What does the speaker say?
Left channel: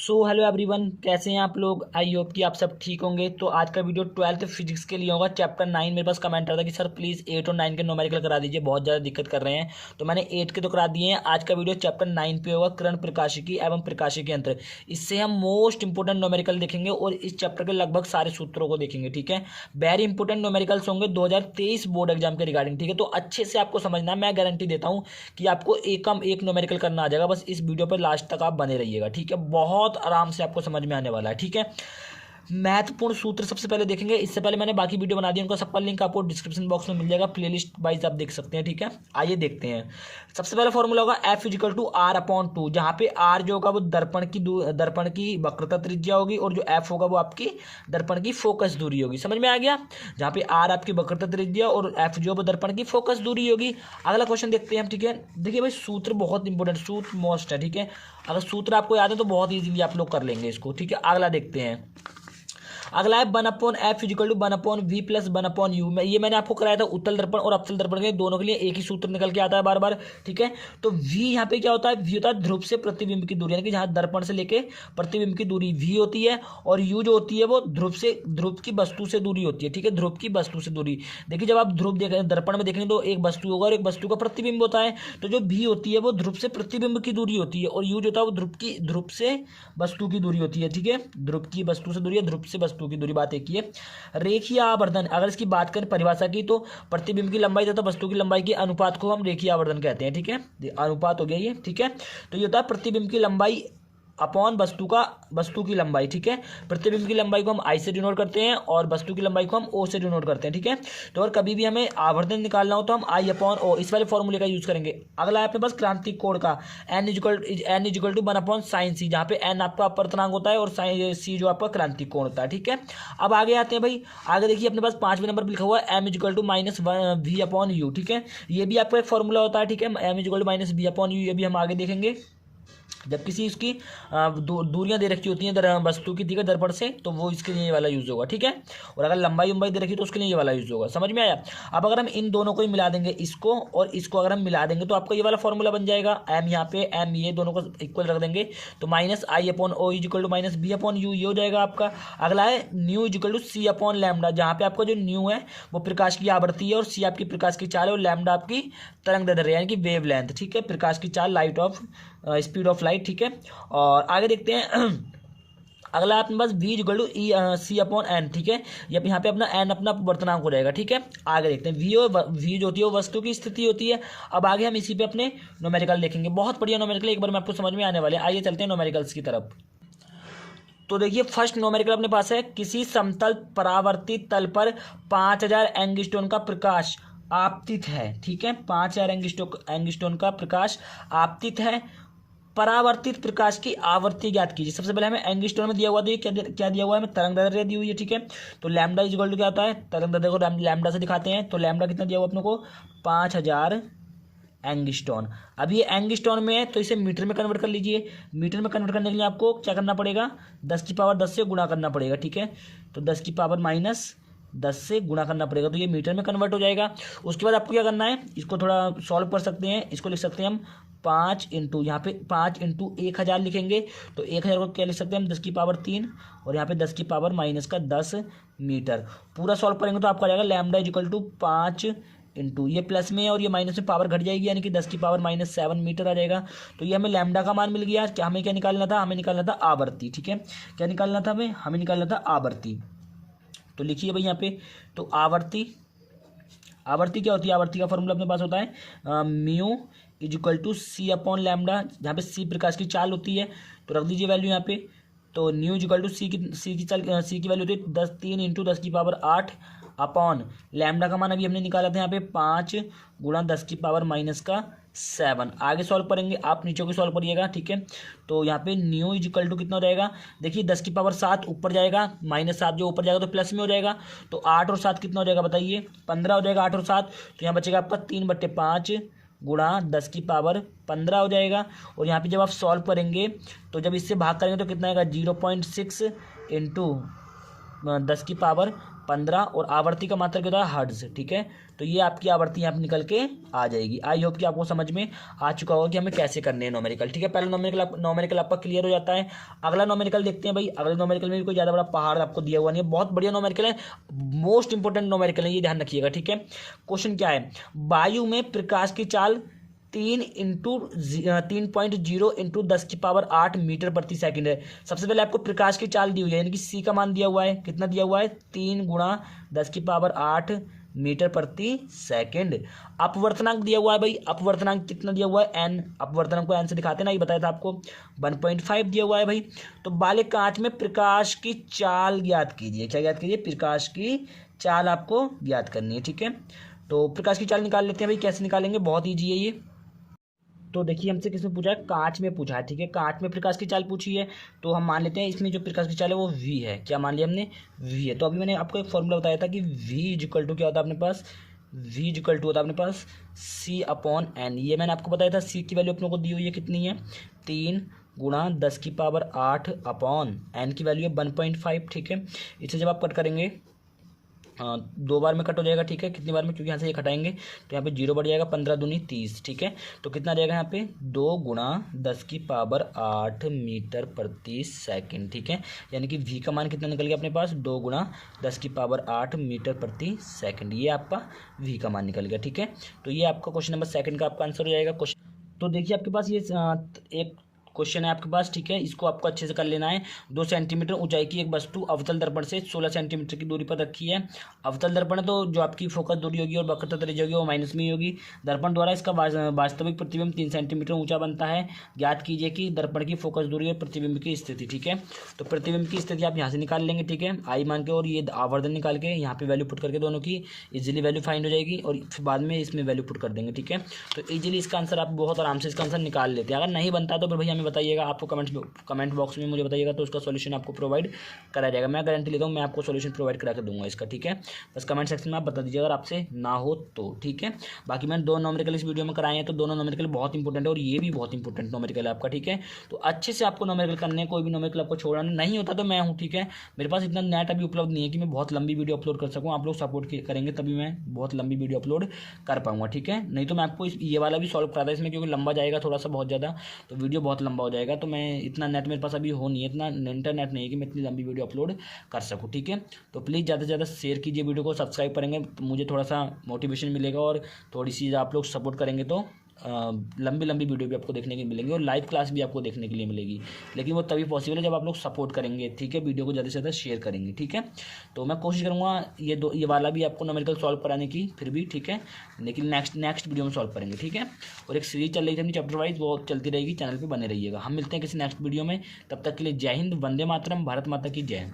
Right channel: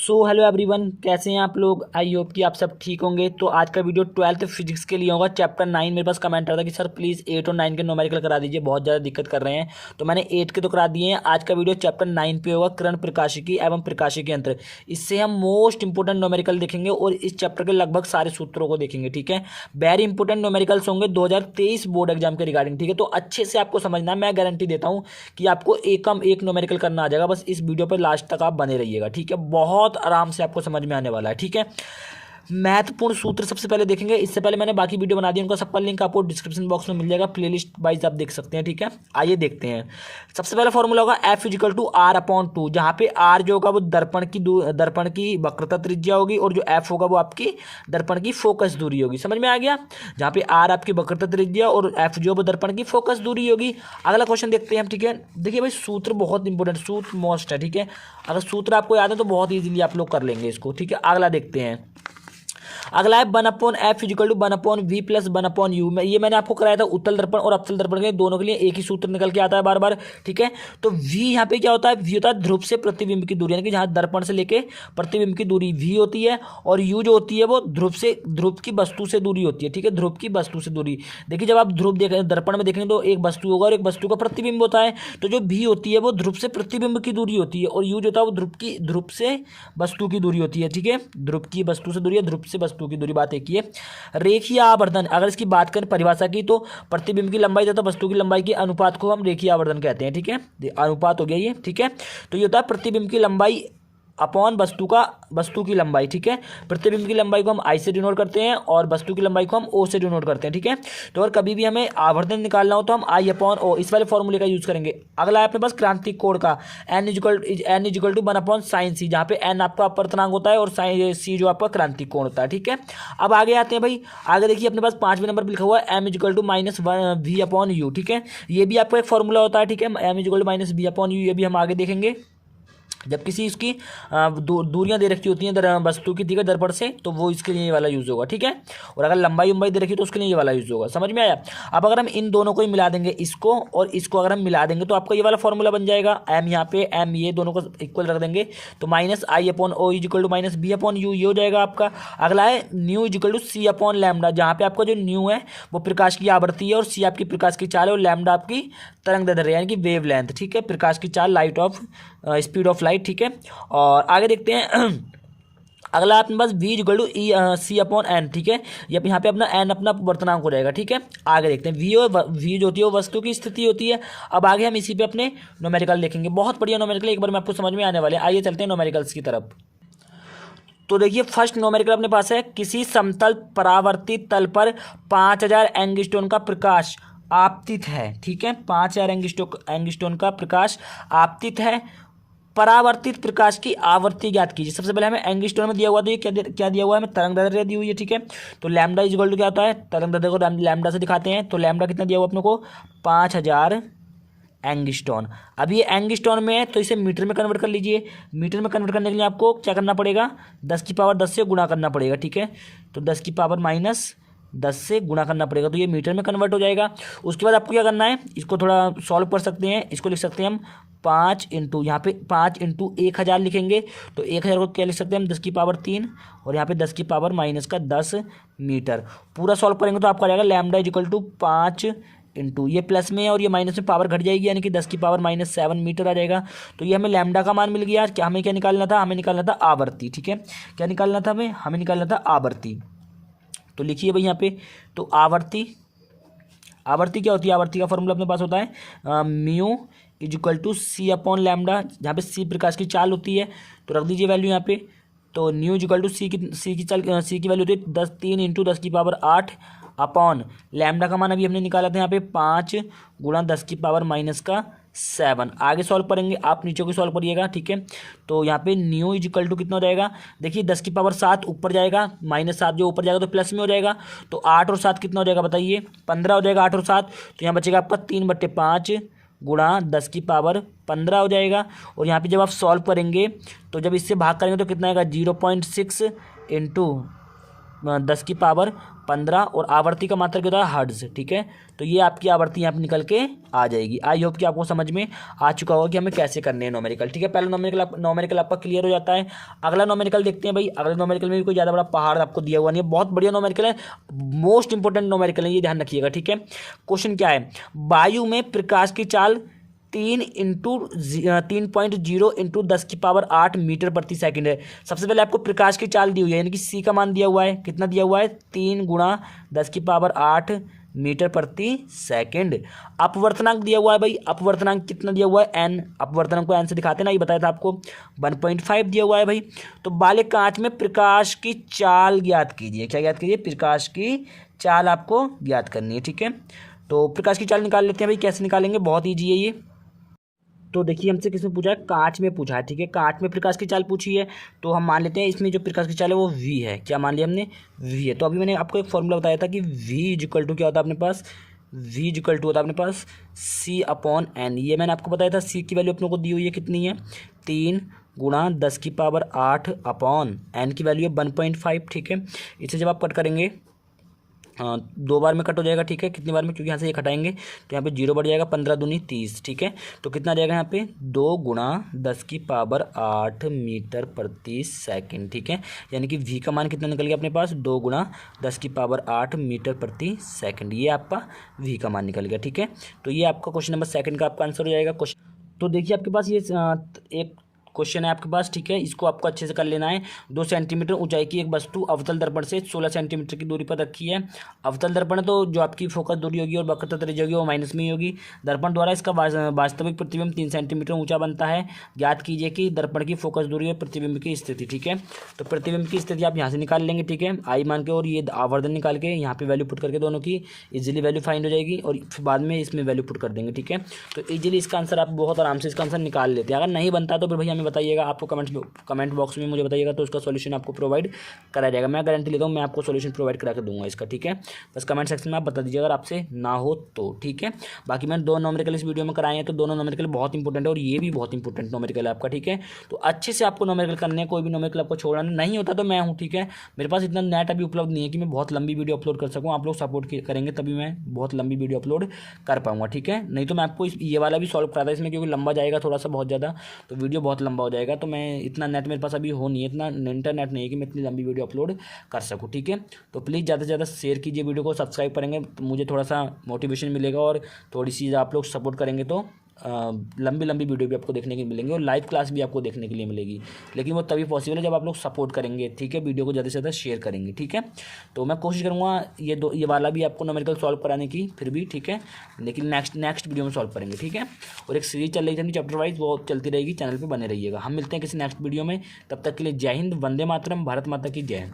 So hello everyone, कैसे हैं आप लोग। आई होप कि आप सब ठीक होंगे। तो आज का वीडियो 12th फिजिक्स के लिए होगा। चैप्टर 9 मेरे पास कमेंट आ था कि सर प्लीज़ 8 और 9 के न्यूमेरिकल करा दीजिए, बहुत ज़्यादा दिक्कत कर रहे हैं। तो मैंने 8 के तो करा दिए हैं। आज का वीडियो चैप्टर 9 पे होगा, किरण प्रकाशिकी एवं प्रकाशिकी यंत्र। इससे हम मोस्ट इंपोर्टेंट न्यूमेरिकल देखेंगे और इस चैप्टर के लगभग सारे सूत्रों को देखेंगे। ठीक है, वेरी इंपोर्टेंट न्यूमेरिकल्स होंगे 2023 बोर्ड एग्जाम के रिगार्डिंग। ठीक है, तो अच्छे से आपको समझना, मैं गारंटी देता हूँ कि आपको एकम एक न्यूमेरिकल करना आ जाएगा। बस इस वीडियो पर लास्ट तक आप बने रहिएगा। ठीक है, बहुत आराम से आपको समझ में आने वाला है। ठीक है, महत्वपूर्ण सूत्र सबसे पहले देखेंगे। इससे पहले मैंने बाकी वीडियो बना दी, उनका सबका लिंक आपको डिस्क्रिप्शन बॉक्स में मिल जाएगा, प्लेलिस्ट वाइज आप देख सकते हैं। ठीक है, आइए देखते हैं। सबसे पहला फॉर्मूला होगा F इजिकल टू R/2, जहाँ पे R जो होगा वो दर्पण की वक्रता त्रिज्या होगी और जो F होगा वो आपकी दर्पण की फोकस दूरी होगी। समझ में आ गया। जहाँ पे R आपकी वक्रता त्रिज्या और F जो है वो दर्पण की फोकस दूरी होगी। अगला क्वेश्चन देखते हैं हम। ठीक है, देखिए भाई, सूत्र बहुत इंपॉर्टेंट, सूत्र मोस्ट है। ठीक है, अगर सूत्र आपको याद है तो बहुत ईजिली आप लोग कर लेंगे इसको। ठीक है, अगला देखते हैं। अगला है 1/F is equal to 1/V plus 1/U। ये मैंने आपको कराया था उत्तल दर्पण और अवतल दर्पण के दोनों के लिए एक ही सूत्र निकल के आता है बार बार। ठीक है, तो V यहाँ पे क्या होता है, V होता है ध्रुव से प्रतिबिंब की दूरी, यानी कि जहाँ दर्पण से लेके प्रतिबिंब की दूरी V होती है, और U जो होती है वो ध्रुव की वस्तु से दूरी होती है। ठीक है, ध्रुव की वस्तु से दूरी। देखिए, जब आप ध्रुव देखें दर्पण में देखेंगे तो एक वस्तु होगा और एक वस्तु का प्रतिबिंब होता है। तो जो V होती है वो ध्रुव से प्रतिबिंब की दूरी होती है, और U जो होता है वो ध्रुव से वस्तु की दूरी होती है। ठीक है, ध्रुव की वस्तु से दूरी है, ध्रुव से वस्तु की दूरी। बात एक ही है। रेखीय आवर्धन, अगर इसकी बात करें परिभाषा की, तो प्रतिबिंब की लंबाई तथा वस्तु की लंबाई के अनुपात को हम रेखीय आवर्धन कहते हैं। ठीक है, अनुपात हो गया ये। ठीक है, तो ये होता है प्रतिबिंब की लंबाई अपॉन वस्तु की लंबाई। ठीक है, प्रतिबिंब की लंबाई को हम I से डिनोट करते हैं और वस्तु की लंबाई को हम O से डिनोट करते हैं। ठीक है, तो अगर कभी भी हमें आवर्धन निकालना हो तो हम I/O इस वाले फॉर्मूले का यूज करेंगे। अगला है अपने पास क्रांतिक कोण का, N is equal to 1/sin c, जहाँ पे N आपका अपवर्तनांक होता है और C जो आपका क्रांतिक कोण होता है। ठीक है, अब आगे आते हैं भाई। आगे देखिए, अपने पास 5वें नंबर पर लिखा हुआ है M इजिकल टू -V/U। ठीक है, ये भी आपका एक फॉर्मूला होता है। ठीक है, M इजिकल टू -V/U, ये भी हम आगे देखेंगे। जब किसी उसकी दूरियां दे रखी होती हैं वस्तु की, ठीक है, दर्पण से, तो वो इसके लिए ये वाला यूज होगा। ठीक है, और अगर लंबाई दे रखी तो उसके लिए ये वाला यूज होगा। समझ में आया। अब अगर हम इन दोनों को ही मिला देंगे, इसको और इसको अगर हम मिला देंगे तो आपका ये वाला फॉर्मूला बन जाएगा। M यहाँ पे M ये दोनों को इक्वल रख देंगे तो -I/O इजिकल टू -B/U ये हो जाएगा आपका। अगला है न्यू इजिकल टू C/λ, जहाँ पे आपका जो न्यू है वो प्रकाश की आवृत्ति है और C आपकी प्रकाश की चाल है और लैम्डा आपकी तरंग दैर्ध्य यानी कि वेव लेंथ। ठीक है, प्रकाश की चाल, light of speed of light. ठीक है, और आगे देखते हैं। अगला अपने पास V इक्वल टू C/N। ठीक है, ये यहाँ पे अपना N अपना वर्तनांक हो जाएगा। ठीक है, आगे देखते हैं। V जो होती है वो वस्तु की स्थिति होती है। अब आगे हम इसी पे अपने न्यूमेरिकल देखेंगे। बहुत बढ़िया न्यूमेरिकल, एक बार में आपको समझ में आने वाले। आइए चलते हैं न्यूमेरिकल्स की तरफ। तो देखिए, फर्स्ट न्यूमेरिकल अपने पास है, किसी समतल परावर्तित तल पर 5000 एंगस्ट्रॉन का प्रकाश आपतित है। ठीक है, 5000 एंगस्ट्रॉन का प्रकाश आपतित है। परावर्तित प्रकाश की आवृत्ति ज्ञात कीजिए। सबसे पहले हमें एंगस्ट्रॉन में दिया हुआ, तो ये क्या दिया हुआ है, हमें तरंग दैर्ध्य दी हुई है। ठीक है, तो लैम्डा इक्वल टू क्या होता है, तरंग दैर्ध्य को लैम्डा से दिखाते हैं। तो लैम्डा कितना दिया हुआ अपने को, 5000 एंगस्ट्रॉन। अब ये एंगस्ट्रॉन में है तो इसे मीटर में कन्वर्ट कर लीजिए। मीटर में कन्वर्ट करने के लिए आपको क्या करना पड़ेगा, 10⁻10 से गुणा करना पड़ेगा। ठीक है, तो 10⁻−10 से गुणा करना पड़ेगा, तो ये मीटर में कन्वर्ट हो जाएगा। उसके बाद आपको क्या करना है, इसको थोड़ा सॉल्व कर सकते हैं। इसको लिख सकते हैं हम 5 इंटू, यहाँ पे 5 इंटू 1000 लिखेंगे तो 1000 को क्या लिख सकते हैं हम, 10⁻3 और यहाँ पे 10⁻−10 मीटर। पूरा सॉल्व करेंगे तो आपका आ जाएगा लैम्डा इक्वल टू 5 इंटू, ये प्लस में है और ये माइनस में पावर घट जाएगी, यानी कि 10⁻−7 मीटर आ जाएगा। तो ये हमें लैम्डा का मान मिल गया। क्या हमें क्या निकालना था, हमें निकालना था आवर्ती। ठीक है, क्या निकालना था हमें निकालना था आवर्ती। तो लिखिए भाई यहाँ पे, तो आवर्ती क्या होती है, आवर्ती का फॉर्मूला अपने पास होता है म्यू इजिकल टू C/λ, जहाँ पे C प्रकाश की चाल होती है। तो रख दीजिए वैल्यू यहाँ पे। तो न्यू इजिकल टू C की वैल्यू होती है 3 इंटू 10⁸ अपॉन लैम्डा का मान अभी हमने निकाला था यहाँ पे 5 गुणा 10⁻⁻7। आगे सॉल्व करेंगे, आप नीचे को सॉल्व करिएगा। ठीक है, तो यहाँ पे न्यू इजिकल टू कितना हो जाएगा, देखिए 10⁻7 ऊपर जाएगा, -7 जो ऊपर जाएगा तो प्लस में हो जाएगा। तो 8 और 7 कितना हो जाएगा बताइए, 15 हो जाएगा 8 और 7। तो यहाँ बचेगा आपका 3/5 गुणा 10⁻15 हो जाएगा। और यहाँ पे जब आप सॉल्व करेंगे तो जब इससे भाग करेंगे तो कितना आएगा, 0.6 इंटू 10⁻15 और आवर्ती का मात्रक होता है हर्ट्ज। ठीक है, तो ये आपकी आवर्ती यहाँ पे निकल के आ जाएगी। आई होप कि आपको समझ में आ चुका होगा कि हमें कैसे करने हैं नॉमेरिकल। ठीक है, पहला नॉमेरिकल आपका क्लियर हो जाता है। अगला नॉमेरिकल देखते हैं भाई। अगले नॉमेरिकल में भी कोई ज़्यादा बड़ा पहाड़ आपको दिया हुआ नहीं है, बहुत बढ़िया नॉमेरिकल है, मोस्ट इंपॉर्टेंट नॉमेरिकल है, ये ध्यान रखिएगा। ठीक है, क्वेश्चन क्या है, वायु में प्रकाश की चाल 3.0 × 10⁸ मीटर प्रति सेकंड है। सबसे पहले आपको प्रकाश की चाल दी हुई है, यानी कि सी का मान दिया हुआ है, कितना दिया हुआ है, 3 × 10⁸ मीटर प्रति सेकंड। अपवर्तनांक दिया हुआ है भाई, अपवर्तनांक कितना दिया हुआ है, एन। अपवर्तनांक को एन से दिखाते ना, ये बताया था आपको, 1.5 दिया हुआ है भाई। तो बाले कांच में प्रकाश की चाल ज्ञात कीजिए। क्या ज्ञात कीजिए, प्रकाश की चाल आपको ज्ञात करनी है। ठीक है, तो प्रकाश की चाल निकाल लेते हैं भाई। कैसे निकालेंगे, बहुत ईजी है ये। तो देखिए हमसे किसने पूछा है, कांच में पूछा है। ठीक है, कांच में प्रकाश की चाल पूछी है, तो हम मान लेते हैं इसमें जो प्रकाश की चाल है वो v है। क्या मान लिया हमने, v है। तो अभी मैंने आपको एक फॉर्मूला बताया था कि v इक्वल टू क्या होता है अपने पास, v इक्वल टू होता है अपने पास c/n। ये मैंने आपको बताया था, c की वैल्यू अपने को दी हुई है, कितनी है, 3 × 10⁸ n की वैल्यू है 1.5। ठीक है, इसे जब आप कट करेंगे, 2 बार में कट हो जाएगा। ठीक है, कितनी बार में, क्योंकि यहाँ से ये हटाएंगे तो यहाँ पे 0 बढ़ जाएगा, 15 दूनी 30। ठीक है, तो कितना जाएगा यहाँ पे, 2 × 10⁸ मीटर प्रति सेकंड। ठीक है, यानी कि v का मान कितना निकल गया अपने पास, 2 × 10⁸ मीटर प्रति सेकंड। ये आपका v का मान निकल गया। ठीक है, तो ये आपका क्वेश्चन नंबर 2 का आपका आंसर हो जाएगा। क्वेश्चन तो देखिए आपके पास ये एक क्वेश्चन है आपके पास। ठीक है, इसको आपको अच्छे से कर लेना है। 2 सेंटीमीटर ऊंचाई की एक वस्तु अवतल दर्पण से 16 सेंटीमीटर की दूरी पर रखी है। अवतल दर्पण है, तो जो आपकी फोकस दूरी होगी और वक्रता त्रिज्या होगी वो माइनस में ही होगी। दर्पण द्वारा इसका वास्तविक प्रतिबिंब 3 सेंटीमीटर ऊंचा बनता है। ज्ञात कीजिए कि दर्पण की फोकस दूरी और प्रतिबिंब की स्थिति। ठीक है, तो प्रतिबिंब की स्थिति आप यहाँ से निकाल लेंगे। ठीक है, आई मान के, और ये आवर्धन निकाल के यहाँ पे वैल्यू पुट करके दोनों की इजीली वैल्यू फाइंड हो जाएगी, और फिर बाद में इसमें वैल्यू पुट कर देंगे। ठीक है, तो इजीली इसका आंसर आप बहुत आराम से इसका आंसर निकाल लेते हैं। अगर नहीं बनता तो फिर भैया हमें बताइएगा, आपको कमेंट बॉक्स में मुझे बताइएगा, तो उसका सॉल्यूशन आपको प्रोवाइड कराया जाएगा। मैं गारंटी लेता हूँ, मैं आपको सॉल्यूशन प्रोवाइड करा के दूंगा इसका। ठीक है, बस कमेंट सेक्शन में आप बता दीजिए अगर आपसे ना हो तो। ठीक है, बाकी मैंने 2 नॉमेरिकल इस वीडियो में कराए हैं, तो दोनों नॉमेरिकल बहुत इंपॉर्टेंट है, और ये भी बहुत इंपॉर्टेंट नॉमेरिकल है आपका। ठीक है, तो अच्छे से आपको नॉमेरिकल करने, कोई भी नॉमेरिकल आपको छोड़ना नहीं होता तो मैं हूँ। ठीक है, मेरे पास इतना नेट अभी उपलब्ध नहीं है कि मैं बहुत लंबी वीडियो अपलोड कर सकूँ। आप लोग सपोर्ट करेंगे तभी मैं बहुत लंबी वीडियो अपलोड कर पाऊंगा। ठीक है, नहीं तो मैं आपको ये वाला भी सॉल्व करा था इसमें, क्योंकि लंबा जाएगा थोड़ा सा, बहुत ज़्यादा, तो वीडियो बहुत लंबा हो जाएगा। तो मैं इतना नेट मेरे पास अभी हो नहीं है, इतना इंटरनेट नहीं है कि मैं इतनी लंबी वीडियो अपलोड कर सकूँ। ठीक है, तो प्लीज़ ज़्यादा से ज़्यादा शेयर कीजिए वीडियो को, सब्सक्राइब करेंगे तो मुझे थोड़ा सा मोटिवेशन मिलेगा, और थोड़ी सी आप लोग सपोर्ट करेंगे तो लंबी वीडियो भी आपको देखने के लिए मिलेंगे, और लाइव क्लास भी आपको देखने के लिए मिलेगी। लेकिन वो तभी पॉसिबल है जब आप लोग सपोर्ट करेंगे। ठीक है, वीडियो को ज़्यादा से ज़्यादा शेयर करेंगे। ठीक है, तो मैं कोशिश करूँगा ये वाला भी आपको नॉमेरिकल सॉल्व कराने की फिर भी। ठीक है, लेकिन नेक्स्ट वीडियो में सॉल्व करेंगे। ठीक है, और एक सीरीज चल रही थी अपनी चैप्टर वाइज, वो चलती रहेगी, चैनल पर बने रहिएगा। हम मिलते हैं किसी नेक्स्ट वीडियो में, तब तक के लिए जय हिंद, वंदे मातरम, भारत माता की जय।